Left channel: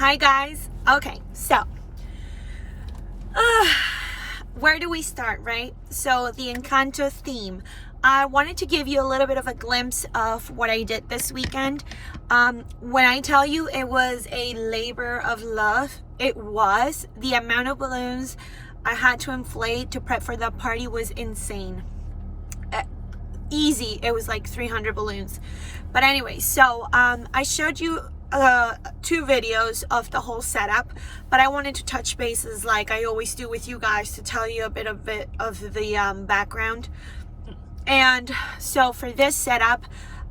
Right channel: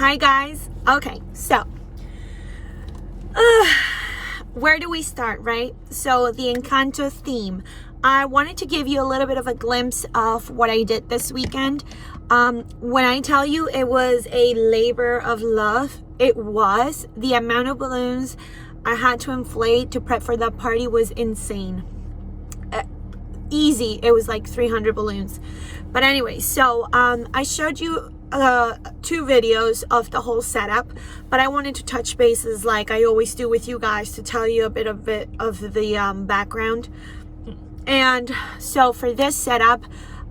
Hi guys. Okay, so where do we start, right? So the Encanto theme. I wanted to give you a little bit of a glimpse of what I did this weekend. When I tell you it was a labor of love, it was. The amount of balloons I had to inflate to prep for that party was insane. Easy, it was like 300 balloons. But anyway, so I showed you 2 videos of the whole setup, but I wanted to touch bases like I always do with you guys to tell you a bit of the background. And so for this setup,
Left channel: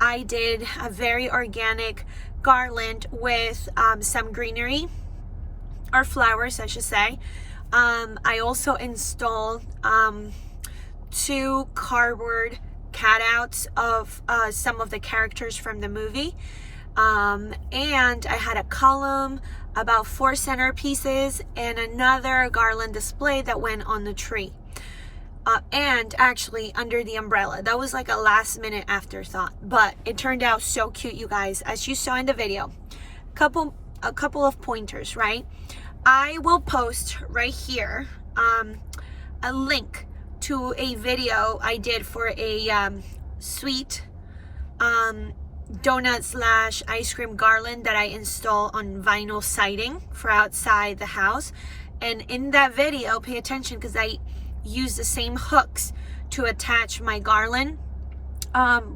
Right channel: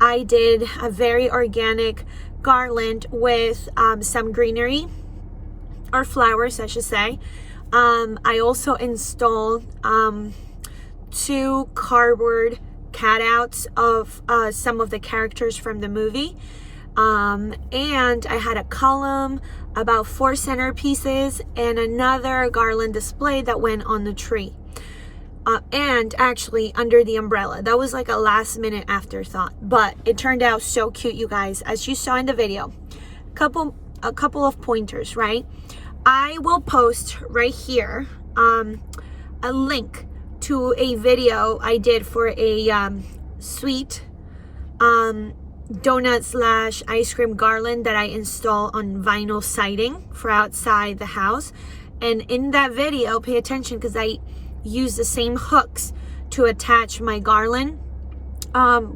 I did a very organic garland with some greenery, or flowers I should say. I also installed 2 cardboard cutouts of some of the characters from the movie. And I had a column, about 4 centerpieces, and another garland display that went on the tree. And actually under the umbrella. That was like a last minute afterthought, but it turned out so cute, you guys. As you saw in the video, a couple of pointers, right? I will post right here a link to a video I did for a sweet donut / ice cream garland that I install on vinyl siding for outside the house. And in that video, pay attention because I use the same hooks to attach my garland,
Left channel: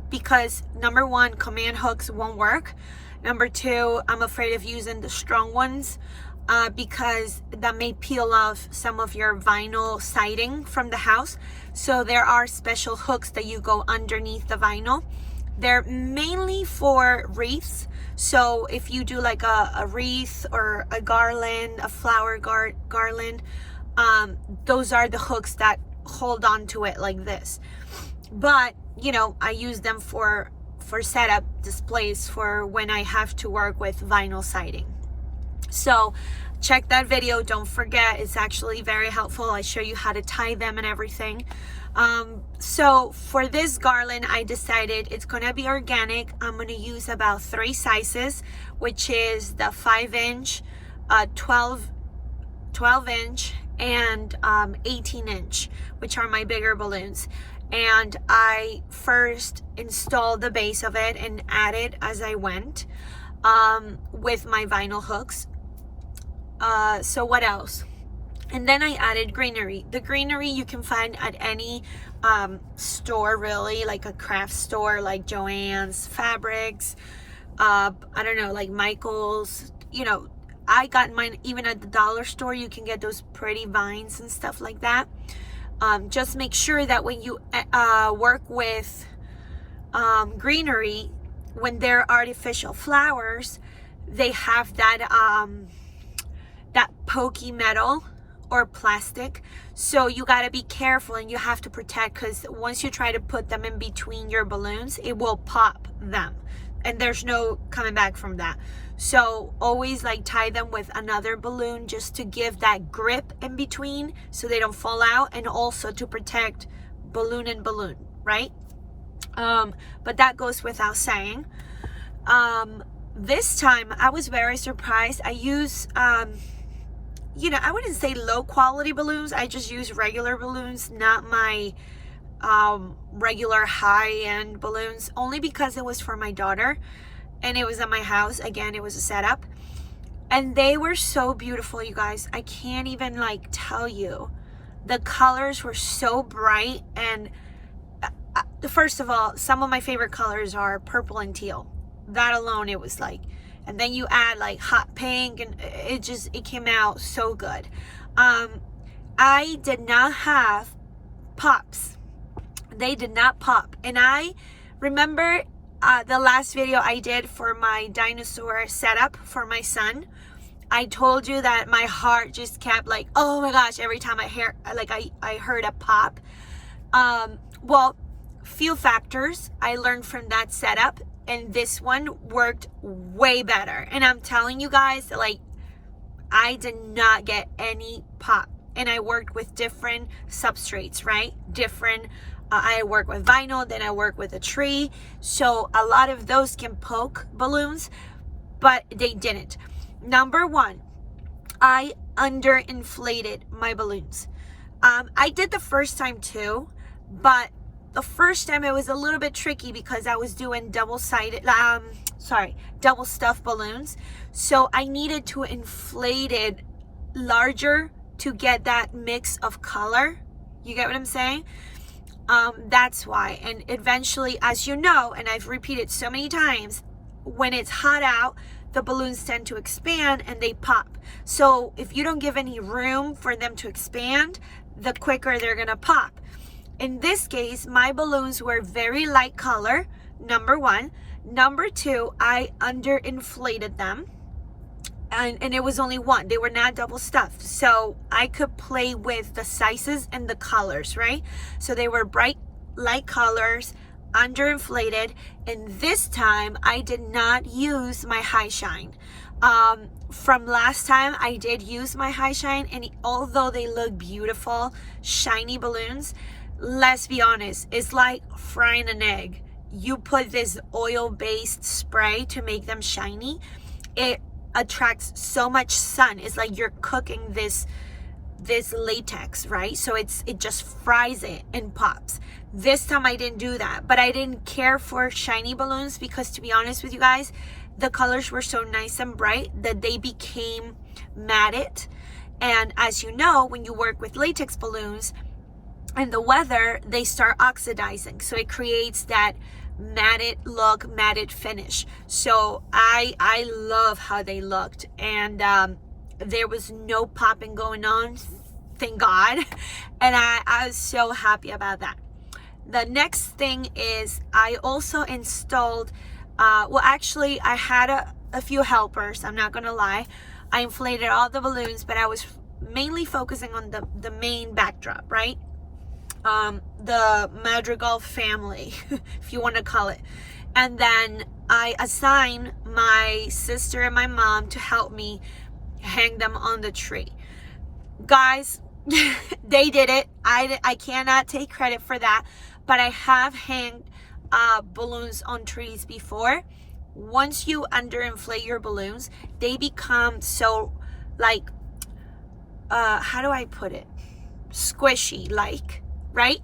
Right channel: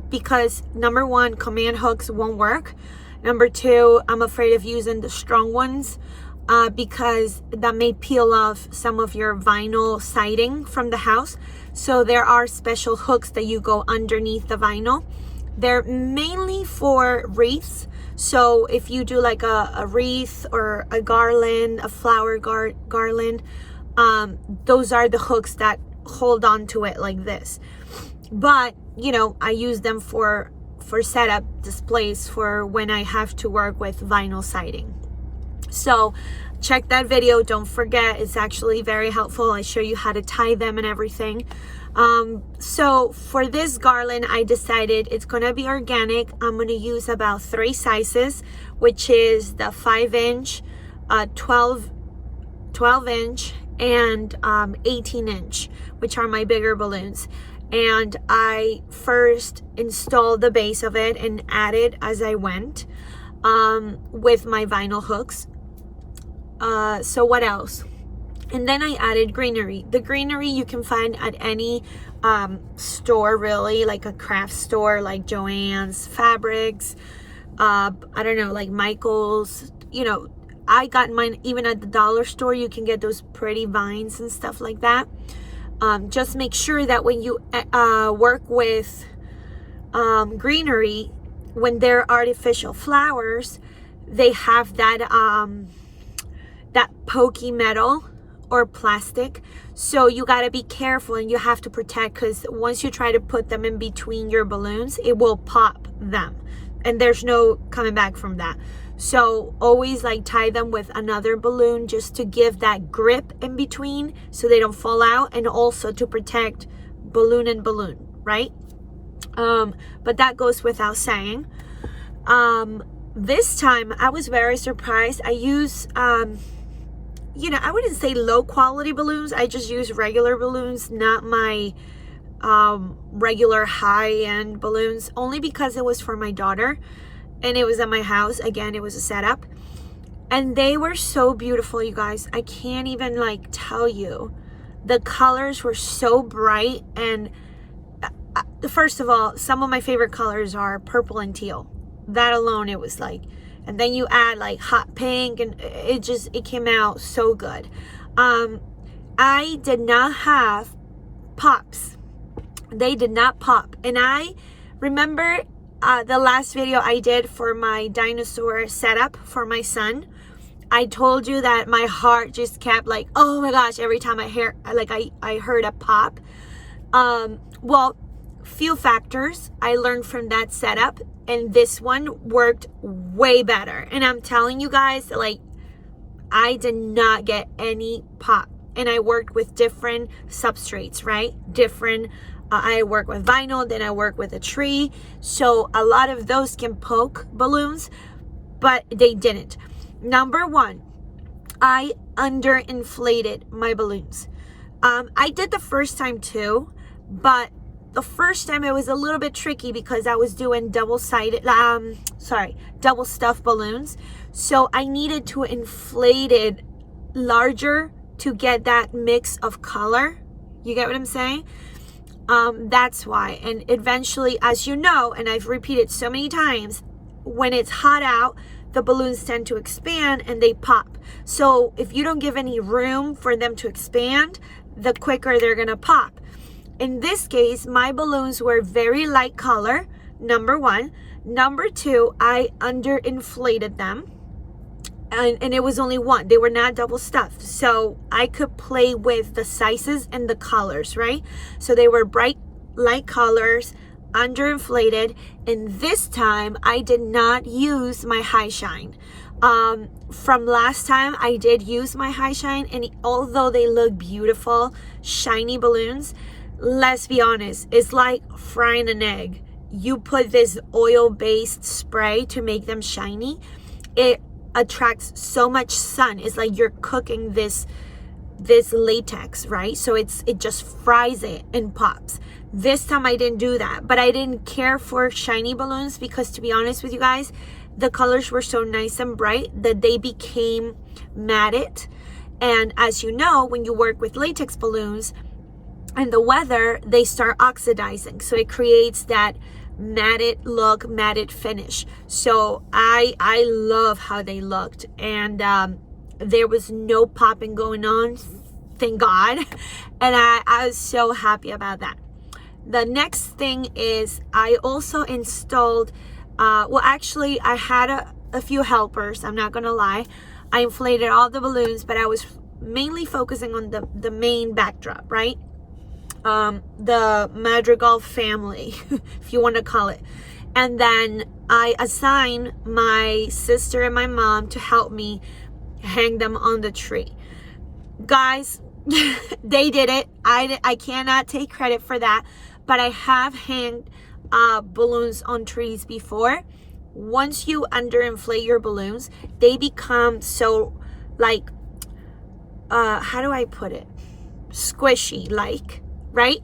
because number 1, command hooks won't work. Number 2, I'm afraid of using the strong ones because that may peel off some of your vinyl siding from the house. So there are special hooks that you go underneath the vinyl. They're mainly for wreaths. So if you do like a wreath or a garland, a flower garland, those are the hooks that hold on to it like this. But you know, I use them for setup displays for when I have to work with vinyl siding. So check that video, don't forget, it's actually very helpful. I show you how to tie them and everything. So for this garland, I decided it's gonna be organic. I'm gonna use about 3 sizes, which is the 5-inch, 12-inch, and 18-inch, which are my bigger balloons. And I first installed the base of it and added as I went with my vinyl hooks. So what else? And then I added greenery. The greenery you can find at any store, really, like a craft store like Joann's, Fabrics, I don't know, like Michael's. You know, I got mine even at the dollar store. You can get those pretty vines and stuff like that. Just make sure that when you work with greenery, when they're artificial flowers, they have that that pokey metal or plastic. So you got to be careful and you have to protect, because once you try to put them in between your balloons, it will pop them and there's no coming back from that. So always like tie them with another balloon just to give that grip in between so they don't fall out, and also to protect balloon and balloon, right? But that goes without saying. This time I was very surprised. I use you know, I wouldn't say low quality balloons. I just use regular balloons, not my regular high-end balloons, only because it was for my daughter and it was at my house. Again, it was a setup, and they were so beautiful, you guys. I can't even like tell you. The colors were so bright, and first of all, some of my favorite colors are purple and teal. That alone, it was like, and then you add like hot pink, and it came out so good. I did not have pops. They did not pop. And I remember the last video I did for my dinosaur setup for my son. I told you that my heart just kept like, oh my gosh, every time I heard a pop. Well, few factors I learned from that setup, and this one worked way better. And I'm telling you guys, like, I did not get any pop. And I worked with different substrates, right? Different I work with vinyl, then I work with a tree. So a lot of those can poke balloons, but they didn't. Number one, I underinflated my balloons. I did the first time too, but the first time it was a little bit tricky because I was doing double stuffed balloons. So I needed to inflate it larger to get that mix of color. You get what I'm saying? That's why. And eventually, as you know, and I've repeated so many times, when it's hot out, the balloons tend to expand and they pop. So if you don't give any room for them to expand, the quicker they're gonna pop. In this case, my balloons were very light color, number one. Number two, I underinflated them. And it was only one. They were not double stuffed. So I could play with the sizes and the colors, right? So they were bright, light colors, underinflated. And this time I did not use my high shine. From last time I did use my high shine, and although they look beautiful, shiny balloons, let's be honest, it's like frying an egg. You put this oil-based spray to make them shiny. It attracts so much sun. It's like you're cooking this latex, right? So it just fries it and pops. This time I didn't do that, but I didn't care for shiny balloons because, to be honest with you guys, the colors were so nice and bright that they became matted. And as you know, when you work with latex balloons in the weather, they start oxidizing, so it creates that matted look, matted finish. So I love how they looked, and there was no popping going on, thank God. And I was so happy about that. The next thing is I also installed well, actually I had a few helpers, I'm not gonna lie. I inflated all the balloons, but I was mainly focusing on the main backdrop, right? The Madrigal family, if you want to call it. And then I assigned my sister and my mom to help me hang them on the tree. Guys, they did it. I cannot take credit for that, but I have hanged balloons on trees before. Once you underinflate your balloons, they become so, like, how do I put it? Squishy, like, right?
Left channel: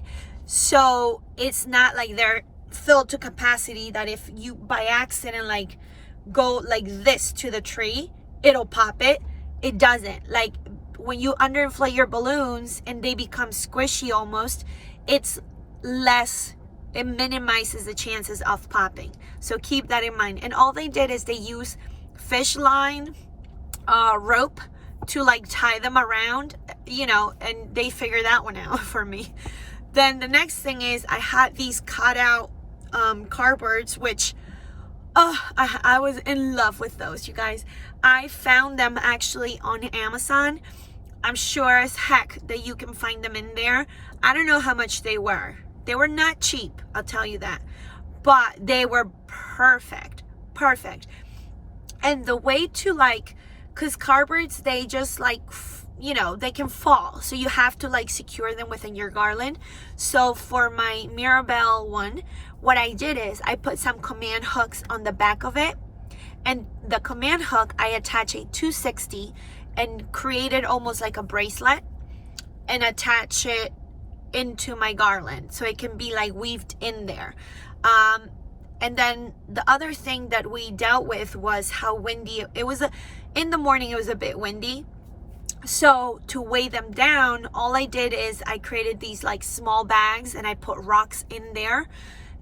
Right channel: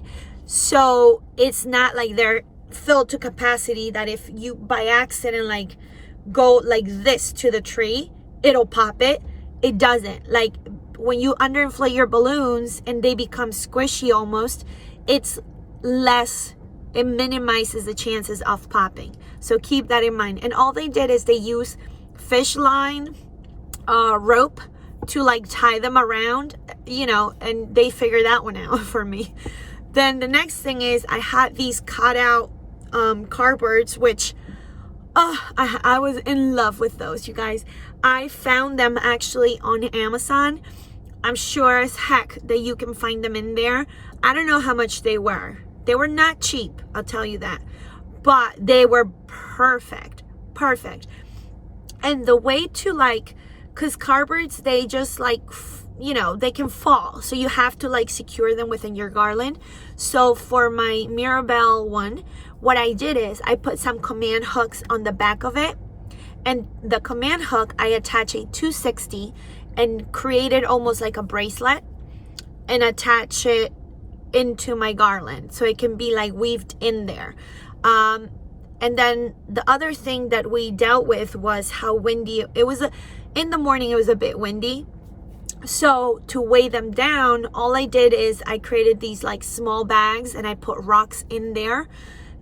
So it's not like they're filled to capacity that if you by accident like go like this to the tree, it'll pop it. It doesn't. Like when you underinflate your balloons and they become squishy almost, it's less, it minimizes the chances of popping. So keep that in mind. And all they did is they use fish line rope to like tie them around, you know, and they figured that one out for me. Then the next thing is I had these cut out cardboards, which I was in love with those, you guys. I found them actually on Amazon. I'm sure as heck that you can find them in there. I don't know how much they were. They were not cheap, I'll tell you that, but they were perfect. And the way to, like, because cardboards, they just like, you know, they can fall, so you have to like secure them within your garland. So for my Mirabelle one, what I did is I put some command hooks on the back of it, and the command hook I attach a 260 and created almost like a bracelet and attach it into my garland so it can be like weaved in there. And then the other thing that we dealt with was how windy it was. In the morning it was a bit windy, so to weigh them down, all I did is I created these like small bags and I put rocks in there,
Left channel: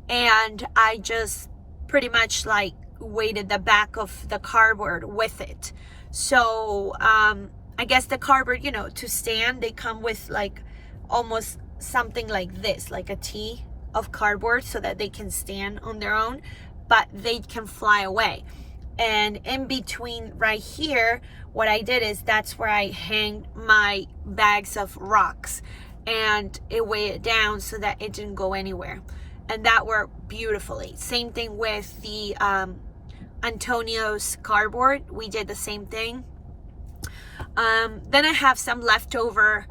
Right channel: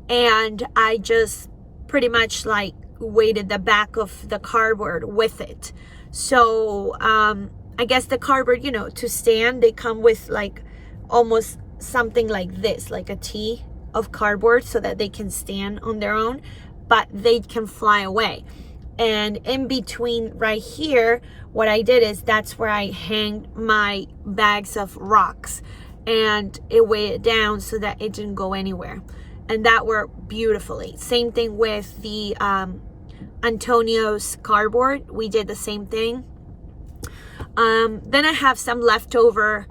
and I just pretty much like weighted the back of the cardboard with it. So I guess the cardboard, you know, to stand, they come with like almost something like this, like a T of cardboard, so that they can stand on their own, but they can fly away. And in between right here, what I did is that's where I hanged my bags of rocks, and it weighed it down so that it didn't go anywhere. And that worked beautifully. Same thing with the Antonio's cardboard. We did the same thing. Then I have some leftover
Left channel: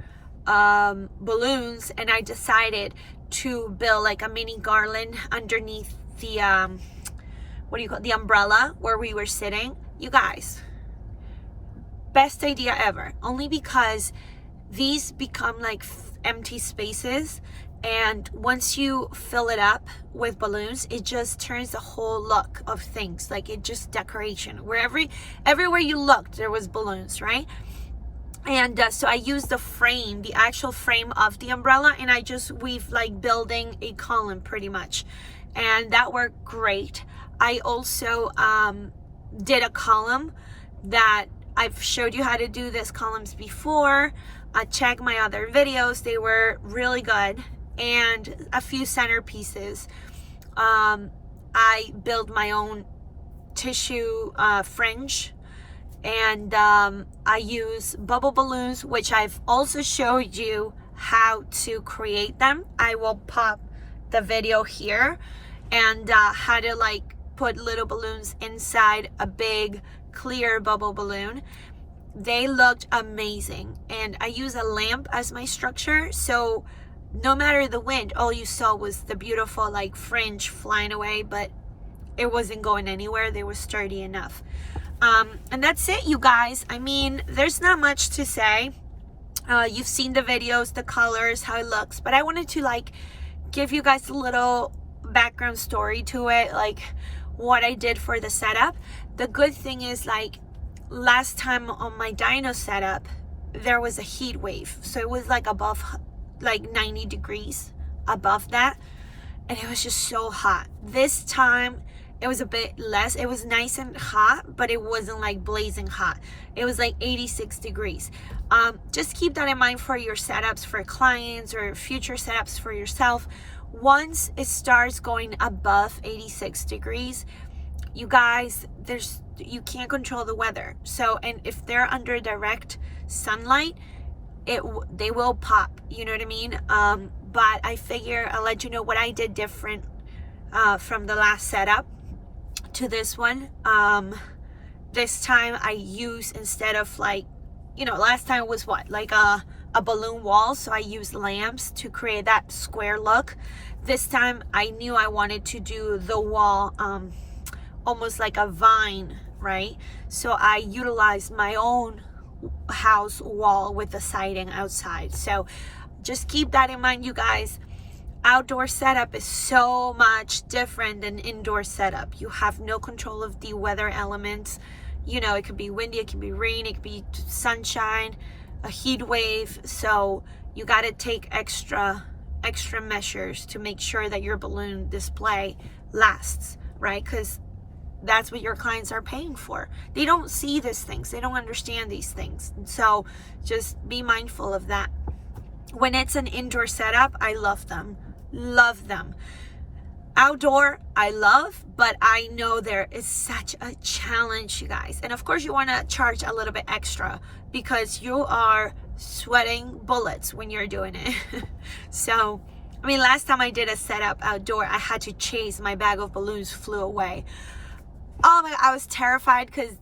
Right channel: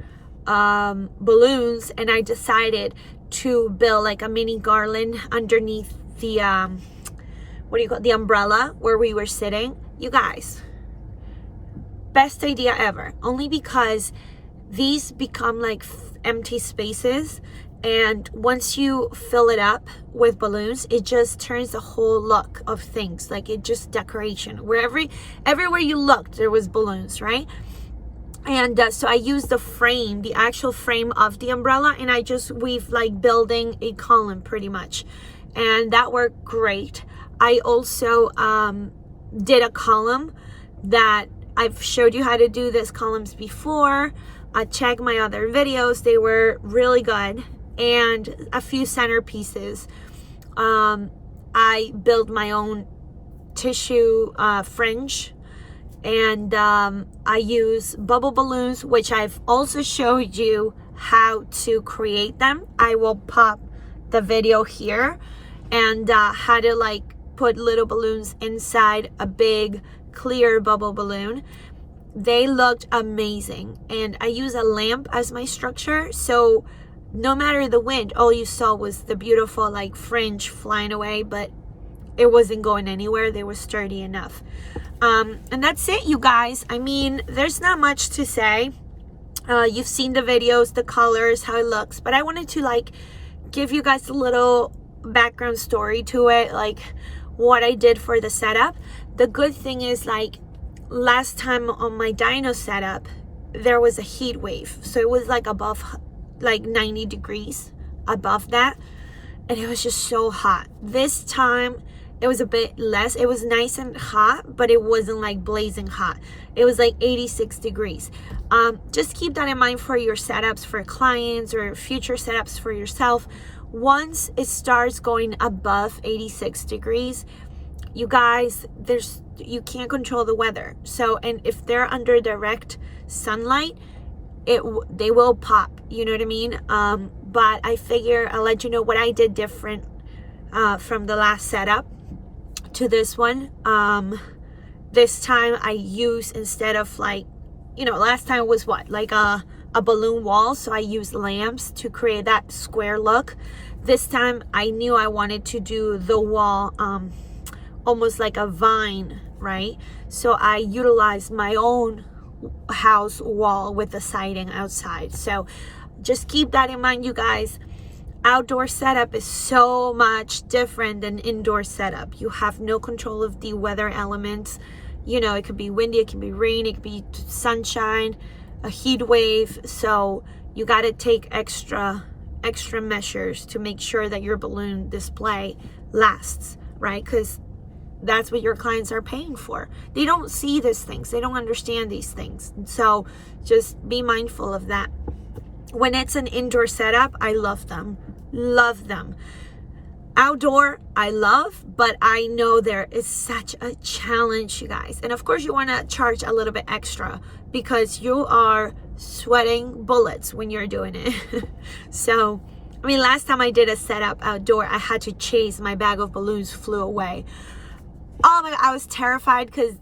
balloons, and I decided to build like a mini garland underneath the what do you call it? The umbrella where we were sitting. You guys, best idea ever, only because these become like empty spaces, and once you fill it up with balloons, it just turns the whole look of things. Like, it just decoration. Everywhere you looked, there was balloons, right? And so I used the frame, the actual frame of the umbrella, and I just weave like building a column pretty much, and that worked great. I also did a column that I've showed you how to do these columns before. Check my other videos, they were really good. And a few centerpieces. I built my own tissue fringe, and I use bubble balloons, which I've also showed you how to create them. I will pop the video here, and how to like put little balloons inside a big clear bubble balloon. They looked amazing, and I use a lamp as my structure, so no matter the wind, all you saw was the beautiful like fringe flying away, but it wasn't going anywhere. They were sturdy enough. And that's it, you guys. I mean, there's not much to say. You've seen the videos, the colors, how it looks, but I wanted to like give you guys a little background story to it, like what I did for the setup. The good thing is, like, last time on my dyno setup, there was a heat wave, so it was like above like 90 degrees above that, and it was just so hot. This time it was a bit less. It was nice and hot, but it wasn't like blazing hot. It was like 86 degrees. Just keep that in mind for your setups for clients or future setups for yourself. Once it starts going above 86 degrees, you guys, you can't control the weather. So, and if they're under direct sunlight, they will pop, you know what I mean? But I figure I'll let you know what I did different from the last setup to this one. This time I used, instead of like, you know, last time was what, like a balloon wall, so I used lamps to create that square look. This time I knew I wanted to do the wall almost like a vine, right? So I utilized my own house wall with the siding outside. So just keep that in mind, you guys. Outdoor setup is so much different than indoor setup. You have no control of the weather elements. You know, it could be windy, it can be rain, it could be sunshine, a heat wave. So you got to take extra measures to make sure that your balloon display lasts, right? Because that's what your clients are paying for. They don't see these things, they don't understand these things. So just be mindful of that. When it's an indoor setup, I love them. Outdoor, I love, but I know there is such a challenge, you guys. And of course you want to charge a little bit extra because you are sweating bullets when you're doing it. So, I mean, last time I did a setup outdoor, I had to chase, my bag of balloons flew away. Oh my God, I was terrified because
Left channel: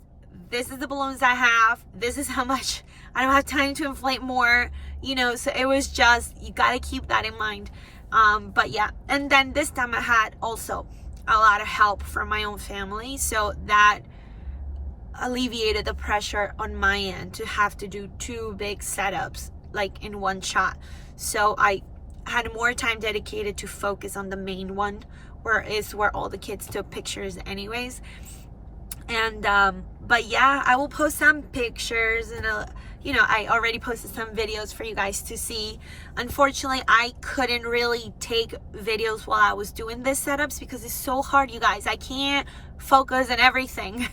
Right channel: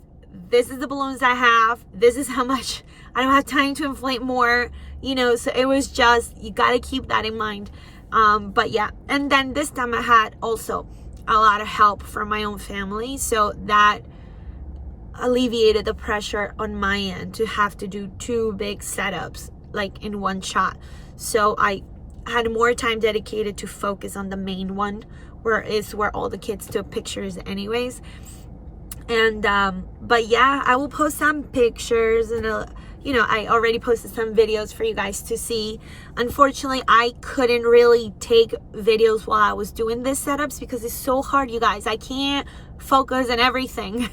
this is the balloons I have. This is how much, I don't have time to inflate more, you know, so it was just, you got to keep that in mind. But yeah, and then this time I had also a lot of help from my own family. So that alleviated the pressure on my end to have to do 2 big setups like in one shot. So I had more time dedicated to focus on the main one, where all the kids took pictures anyways. And but yeah, I will post some pictures, and you know, I already posted some videos for you guys to see. Unfortunately, I couldn't really take videos while I was doing this setups because it's so hard, you guys. I can't focus on everything.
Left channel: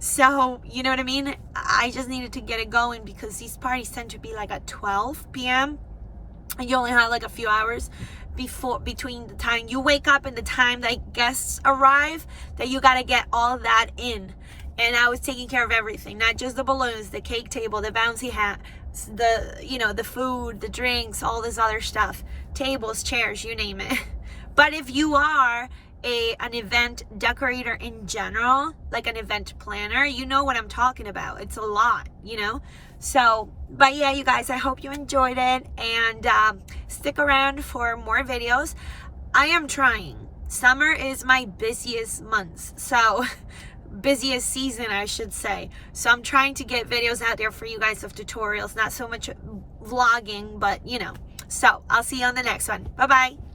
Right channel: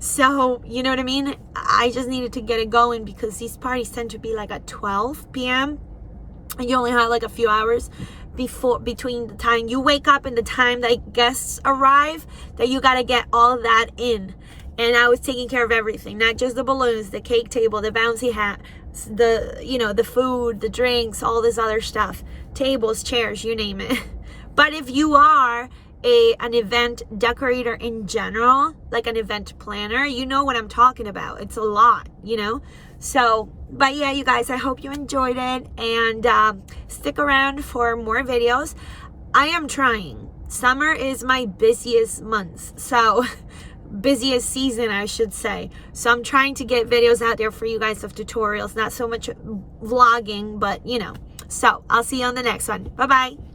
So, you know what I mean? I just needed to get it going because these parties tend to be like at 12 p.m. and you only have like a few hours between the time you wake up and the time that guests arrive, that you got to get all that in. And I was taking care of everything, not just the balloons, the cake table, the bouncy hat, the, you know, the food, the drinks, all this other stuff, tables, chairs, you name it. But if you are an event decorator in general, like an event planner, you know what I'm talking about. It's a lot, you know. So, but yeah, you guys, I hope you enjoyed it, and stick around for more videos. I am trying. Summer is my busiest month, so busiest season, I should say. So I'm trying to get videos out there for you guys of tutorials, not so much vlogging, but you know. So I'll see you on the next one. Bye bye.